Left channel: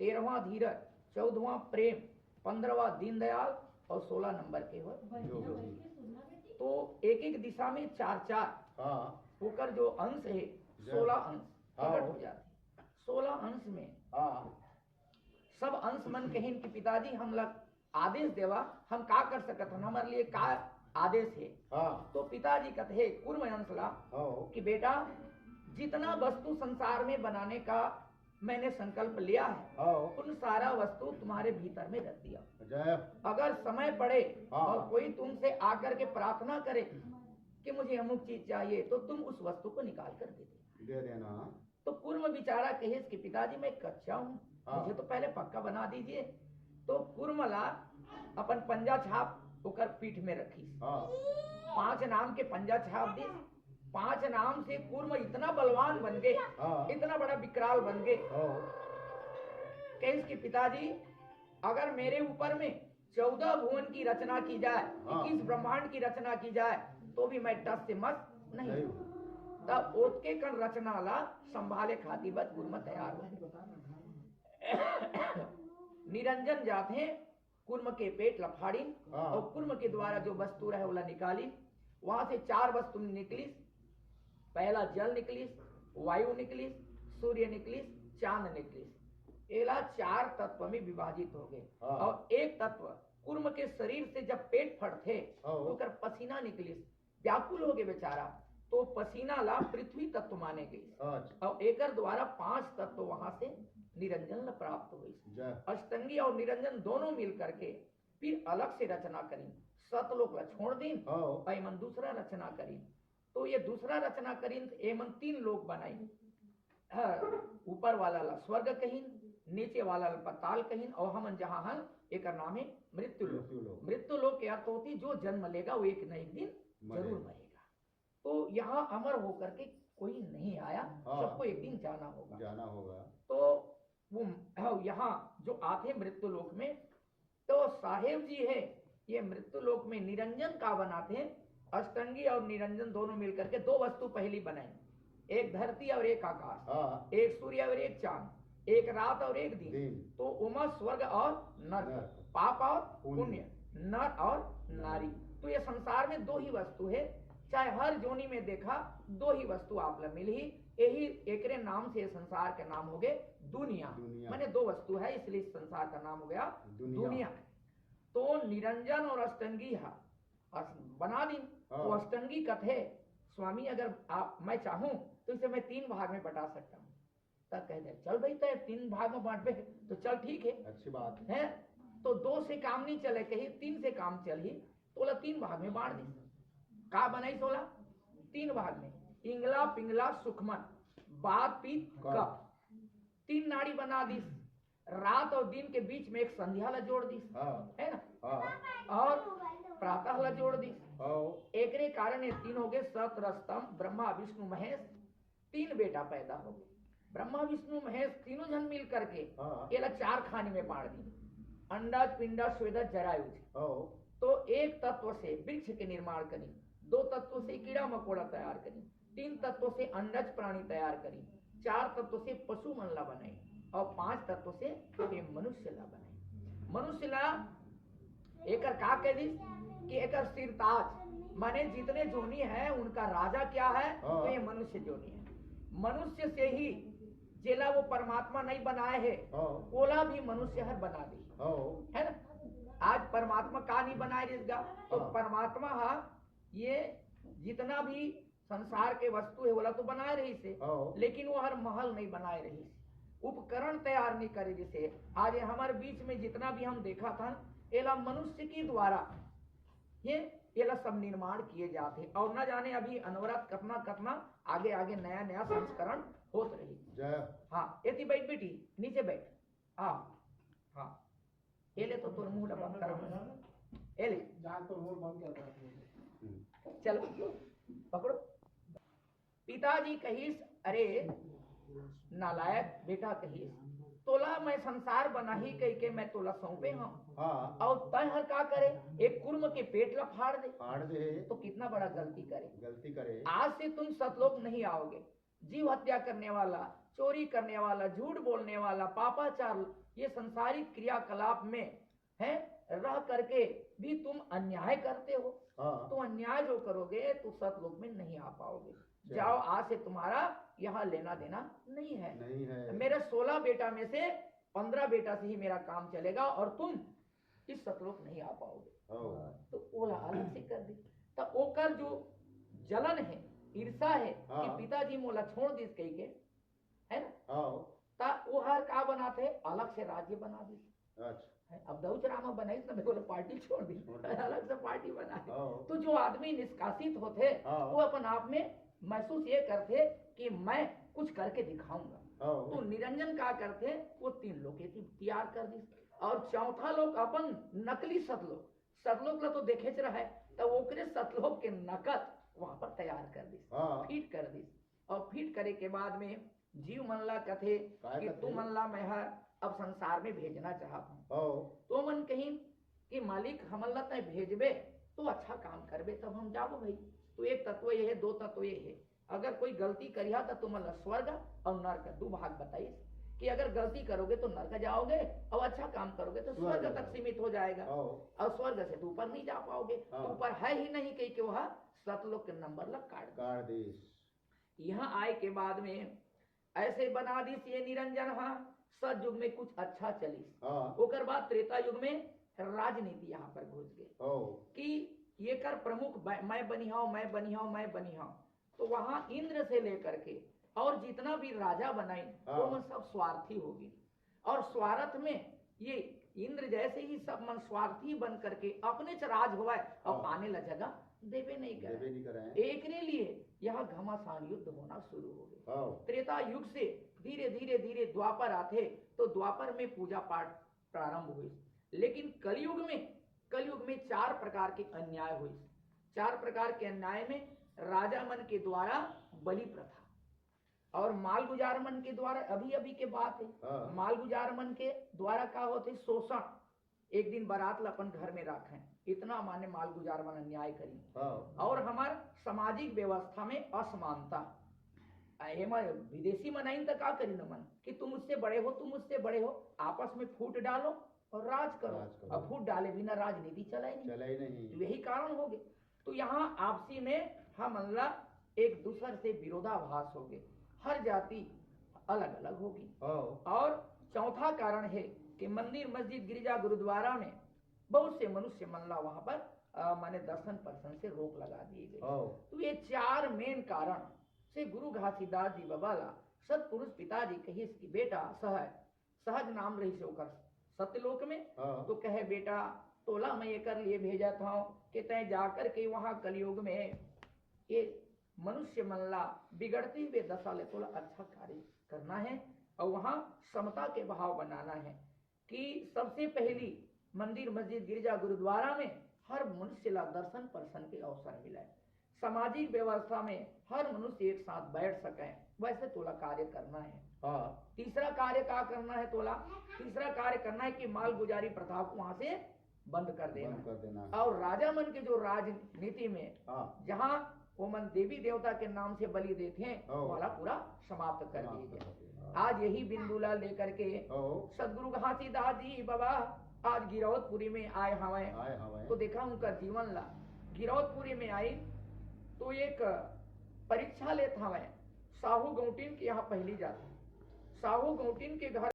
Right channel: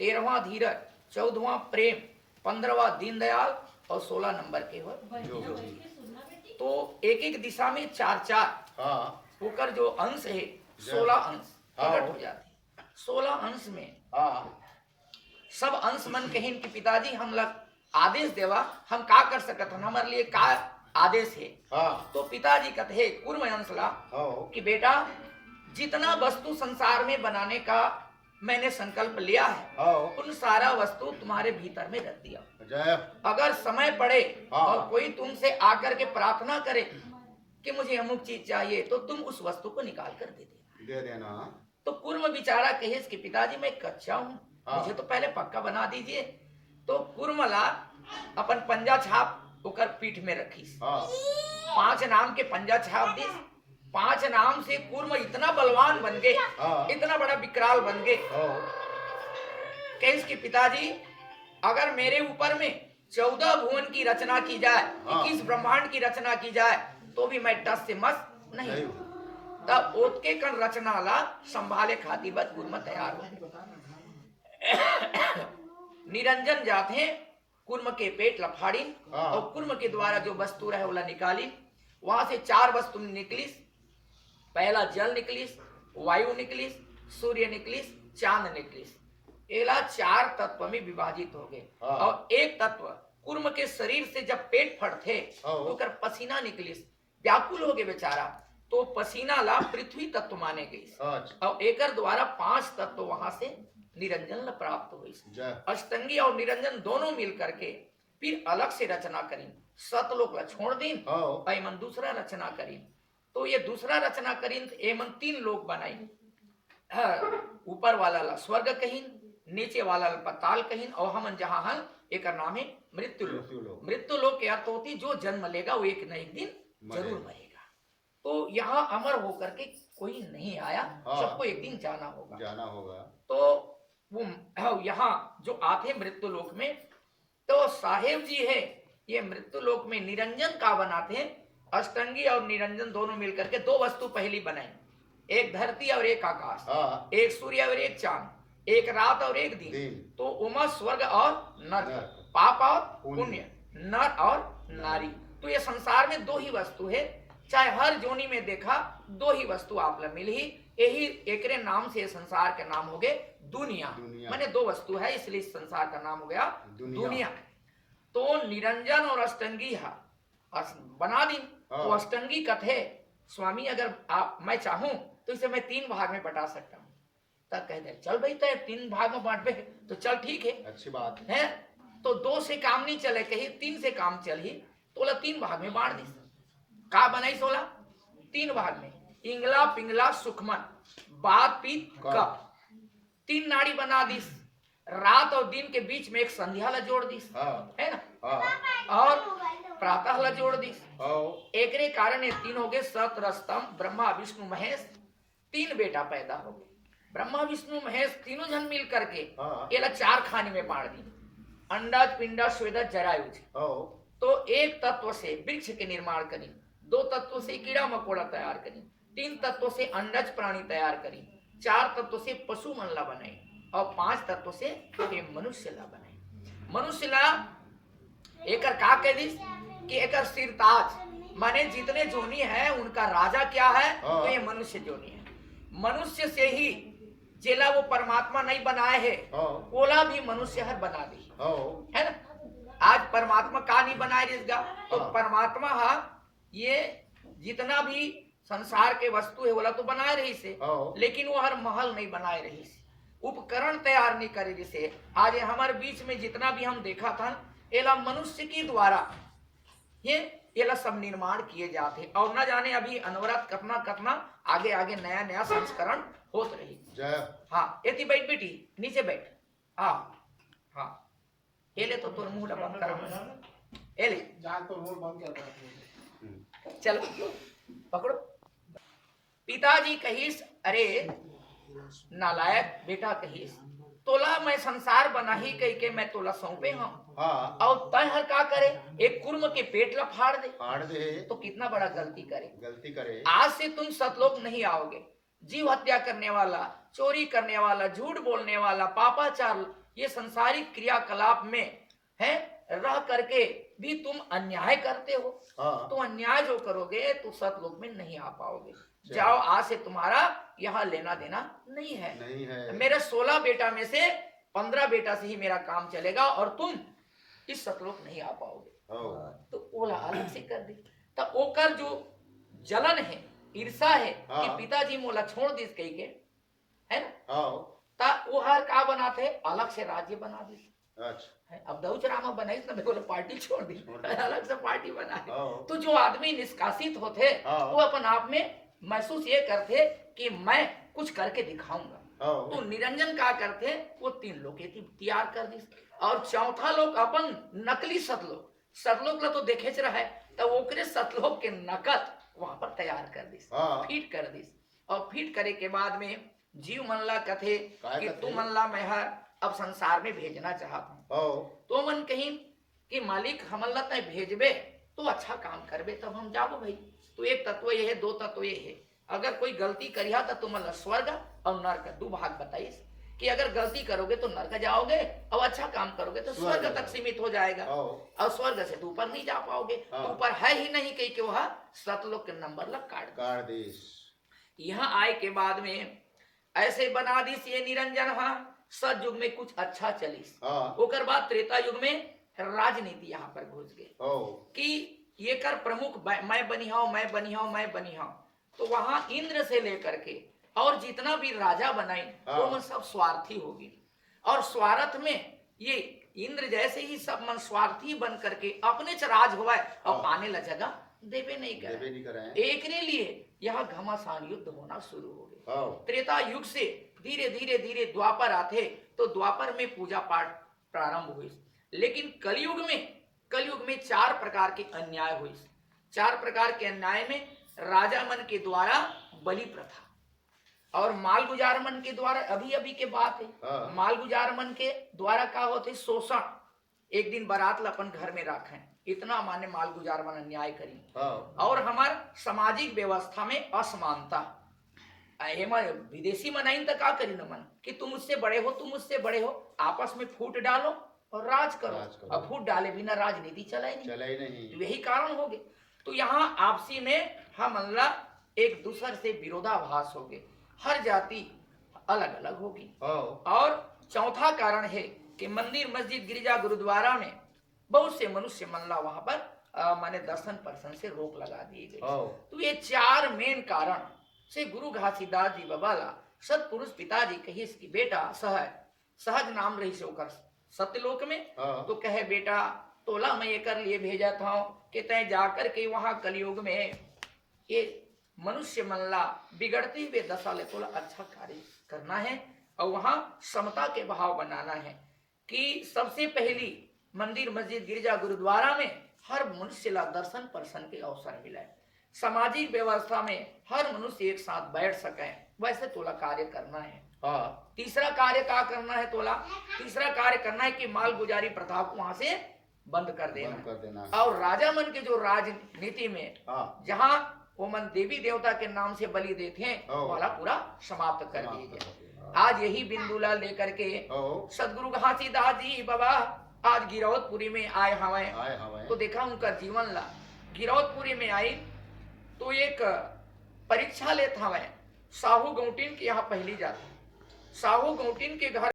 13वां धीरज, 14वां प्रेम, 15वां दीनदयाल और 16 नंबर के हो जोगी। तो एक एक दिशा में 4-4 होकर जो अंश है 16 अंश प्रकट हो जाते हैं। 16 अंश में सब अंश मन कहिन कि पिताजी हम लग आदेश देवा, हम का कर सकत हन, हमारे लिए का आदेश है। तो पिताजी कहते हैं कूर्म अंश ला कि बेटा जितना वस्तु संसार में बनाने का मैंने संकल्प लिया है उन सारा वस्तु तुम्हारे भीतर में रख दिया। अगर समय पड़े और कोई तुमसे आकर के प्रार्थना करे कि मुझे अमुक चीज चाहिए तो तुम उस वस्तु को निकाल कर दे देना। तो कूर्म बिचारा कहे कि पिताजी मैं कच्चा हूँ, मुझे तो पहले पक्का बना दीजिए। तो कूर्मला अपन पंजा छाप होकर पीठ में रखी, 5 नाम के पंजा छाप दी। 5 नाम से कूर्म इतना बलवान बन गए, इतना बड़ा विकराल बन गए कि पिताजी अगर मेरे ऊपर में 14 भुवन की रचना की जाए, 21 ब्रह्मांड की रचना की जाए तो भी मैं टस से मस नहीं। तब ओत के कण रचना ला संभाले खातिर बद कूर्म तैयार हो। निरंजन जाते कूर्म के पेट लफाड़ी और कूर्म के द्वारा जो वस्तु रहे वाला निकाली। वहां से 4 वस्तु निकली। पहला जल निकली, वायु निकली, सूर्य निकली, चांद निकली। एला 4 तत्व में विभाजित हो गए और एक तत्व कूर्म के शरीर से जब पेट फटते तो कर पसीना निकली, व्याकुल हो गए बेचारा। तो पसीना ला पृथ्वी तत्व माने गई और एकर द्वारा 5 तत्व वहां से निरंजन प्राप्त हुई। अष्टंगी और निरंजन दोनों मिल करके फिर अलग से रचना करी। सतलोक ला छोड़ दीन और एमन दूसरा रचना करी। तो ये दूसरा रचना करी एमन 3 लोक बनाई। ऊपर वाला ला स्वर्ग कहीन, नीचे वाला ला पाताल कहीन और हमन जहां हन एक नाम है मृत्यु लोक। मृत्यु लोक के अर्थ होती जो जन्म लेगा वो एक न एक दिन जरूर मरेगा। तो यहाँ अमर होकर के कोई नहीं आया, सबको एक दिन जाना होगा। तो वो यहाँ जो आते मृत्यु लोक में, तो साहेब जी है ये मृत्यु लोक में निरंजन का बनाते हैं। अष्टंगी और निरंजन दोनों मिलकर के 2 वस्तु पहली बनाई, एक धरती और एक आकाश, एक सूर्य और एक चांद, एक रात और एक दिन। तो उमा स्वर्ग और नरक, पाप और पुण्य, नर और नारी। तो ये संसार में 2 ही वस्तु है, चाहे हर जोनी में देखा 2 ही वस्तु आप मिल ही। यही एकरे नाम से संसार के नाम हो गए दुनिया। माने 2 वस्तु है इसलिए संसार का नाम हो गया दुनिया। तो निरंजन और अष्टंगी बना दी। तो अष्टंगी कथे स्वामी अगर आप मैं चाहूं तो इसे मैं 3 भाग में बटा सकता हूँ। तब कह दे चल भाई तय 3 भाग में बांट पे तो चल ठीक है, अच्छी बात है। तो 2 से काम नहीं चले, कही 3 से काम चल ही तो 3 भाग में बांट दी। का बनाई 16 3 भाग में, इंगला पिंगला सुखमन बात पीत कप 3 नाड़ी बना दी। रात और दिन के बीच में एक संध्या ला जोड़ दी, है ना, और प्रातः ला जोड़ दी। एकरे कारण ये 3 हो गए सत रस्तम ब्रह्मा विष्णु महेश। 3 बेटा पैदा हो गए। ब्रह्मा विष्णु महेश तीनों जन मिल करके ये ला 4 खाने में बांट दी। अंडज पिंडज स्वेदज जरायुज। तो एक तत्व से वृक्ष के निर्माण करी, 2 तत्व से कीड़ा मकोड़ा तैयार करी, 3 तत्व से अंडज प्राणी तैयार करी, 4 तत्व से पशु मन ला बनाई और 5 तत्व से मनुष्य ला बनाई। मनुष्य ला एकर का कह दी कि एकर सिरताज माने जितने जोनी है उनका राजा क्या है, तो ये मनुष्य जोनी है। मनुष्य से ही जेला वो परमात्मा नहीं बनाए है ओला भी मनुष्य हर बना दी, है ना। आज परमात्मा का नहीं बनाए जिसका, तो परमात्मा ये जितना भी संसार के वस्तु है बोला तो बनाए रही से, लेकिन वो हर महल नहीं बनाए रही से, उपकरण तैयार नहीं करे। जैसे आज हमारे बीच में जितना भी हम देखा था एला मनुष्य के द्वारा ये सब निर्माण किए जाते और न जाने अभी अनवरत कतना आगे आगे नया नया संस्करण होत रही। हाँ एती बैठ बेटी नीचे बैठ। हाँ एले तो तोर मुंह बंद करा, एले तो मुंह बंद कर। चलो पकड़ो। पिताजी कहिस अरे नालायक बेटा कहिस तोला मैं संसार बना ही कह के मैं तोला सौंपे हूँ और तय हर का करे एक कुर्म के पेट ला फाड़ दे तो कितना बड़ा गलती करे। आज से तुम सतलोक नहीं आओगे। जीव हत्या करने वाला, चोरी करने वाला, झूठ बोलने वाला, पापाचार, ये संसारिक क्रियाकलाप में है रह करके भी तुम अन्याय करते हो, तो अन्याय जो करोगे तो सतलोक में नहीं आ पाओगे। जाओ, आज से तुम्हारा यहाँ लेना देना नहीं है। मेरे 16 बेटा में से 15 बेटा से ही मेरा काम चलेगा और तुम इस सतलोक नहीं आ पाओगे। तो ओला अलग से कर दी। तब ओकर जो जलन है, ईर्षा है कि पिताजी मोला छोड़ दिस कही के, है ना, ता वो हर का बनाते अलग से राज्य बना दी। अब दऊच रामा बनाई ना, बोले पार्टी छोड़ दी, अलग से पार्टी बना दी। तो जो आदमी निष्कासित होते वो अपन आप में महसूस ये करते कि मैं कुछ करके दिखाऊंगा। तो निरंजन का करते वो 3 लोग तैयार कर दी। और चौथा लोग अपन नकली सतलोक, सतलोक ला तो देखे रहा है, तो ओकरे सतलोक के नकल वहां पर तैयार कर दी, फीट कर दी। और फीट करे के बाद में जीव मन ला कथे कि तू मन ला मैं अब संसार में भेजना चाहता हूँ। तो मन कहीं कि मालिक हमन ला तय भेजबे तो अच्छा काम करबे तब हम जाबो भाई। तो एक तत्व ये है, 2 तत्व ये है। अगर कोई गलती करिया तो तुम स्वर्ग और नर्क 2 भाग बताइस कि अगर गलती करोगे तो नर्क जाओगे और अच्छा काम करोगे तो स्वर्ग तक सीमित हो जाएगा, और स्वर्ग से तो ऊपर नहीं जा पाओगे। तो ऊपर है ही नहीं कहीं के वह सतलोक के नंबर लग काट दीस। यहाँ आए के बाद में ऐसे बना दीस ये निरंजन। हाँ, सतयुग में कुछ अच्छा चलिस। ओकर बाद त्रेता युग में राजनीति यहाँ पर घुस गई कि ये कर प्रमुख मैं बनी हूं। तो वहां इंद्र से लेकर के और जितना भी राजा बनाई वो मन सब स्वार्थी होगी। और स्वार्थ में ये इंद्र जैसे ही सब मन स्वार्थी बन करके अपने च राज हुआ और आने ला जगह देवे नहीं करे। एक ने लिए यहाँ घमासान युद्ध होना शुरू हो गए। त्रेता युग से धीरे धीरे द्वापर आते तो द्वापर में पूजा पाठ प्रारंभ हुई। लेकिन कलयुग में 4 प्रकार के अन्याय हुई। 4 प्रकार के अन्याय में राजा मन के द्वारा बलि प्रथा और माल गुजार मन के द्वारा, अभी के बात है, माल गुजार मन के द्वारा का होते शोषण। एक दिन बारात ला अपन घर में रखें, इतना माने माल गुजार मन अन्याय करी। और हमार सामाजिक व्यवस्था में असमानता, विदेशी मनाइन तो का करी न मन कि तुम मुझसे बड़े हो, आपस में फूट डालो और राज करो। अब फूट डाले बिना राजनीति चला ही नहीं। यही कारण हो गए। तो यहाँ आपसी में हम अल्लाह एक दूसरे से विरोधाभास हो गए, हर जाति अलग अलग होगी। और चौथा कारण है कि मंदिर, मस्जिद, गिरजा, गुरुद्वारा में बहुत से मनुष्य मल्ला वहां पर माने दर्शन पर्सन से रोक लगा दिए गए। तो ये 4 मेन कारण से गुरु घासीदास जी बबाला सतपुरुष पिताजी कही इसकी बेटा सहज नाम रही से होकर सत्यलोक में। तो कहे बेटा तोला मैं ये कर लिए भेजा था कि तय जाकर के वहां कलयुग में ये मनुष्य मल्ला बिगड़ते हुए दशा ले तोला अच्छा कार्य करना है और वहां समता के भाव बनाना है कि सबसे पहली मंदिर, मस्जिद, गिरजा, गुरुद्वारा में हर मनुष्य ला दर्शन पर्सन के अवसर मिले, सामाजिक व्यवस्था में हर मनुष्य एक साथ बैठ सके, वैसे तोला कार्य करना है। तीसरा कार्य क्या करना है तोला? तीसरा कार्य करना है कि माल गुजारी प्रथा को वहां से बंद कर देना। और राजा मन के जो राजनीति में जहां वो मन देवी देवता के नाम से बलि देते हैं वाला पूरा समाप्त कर दिए गए। आज यही बिंदुला लेकर के सदगुरु घासीदास जी बाबा आज गिरौदपुरी में आए हमें। तो देखा उनका जीवन ला गिरौदपुरी में आई तो एक परीक्षा लेता हमें साहू गौटिन के यहाँ पहली जाती। साहू गौटिन के घर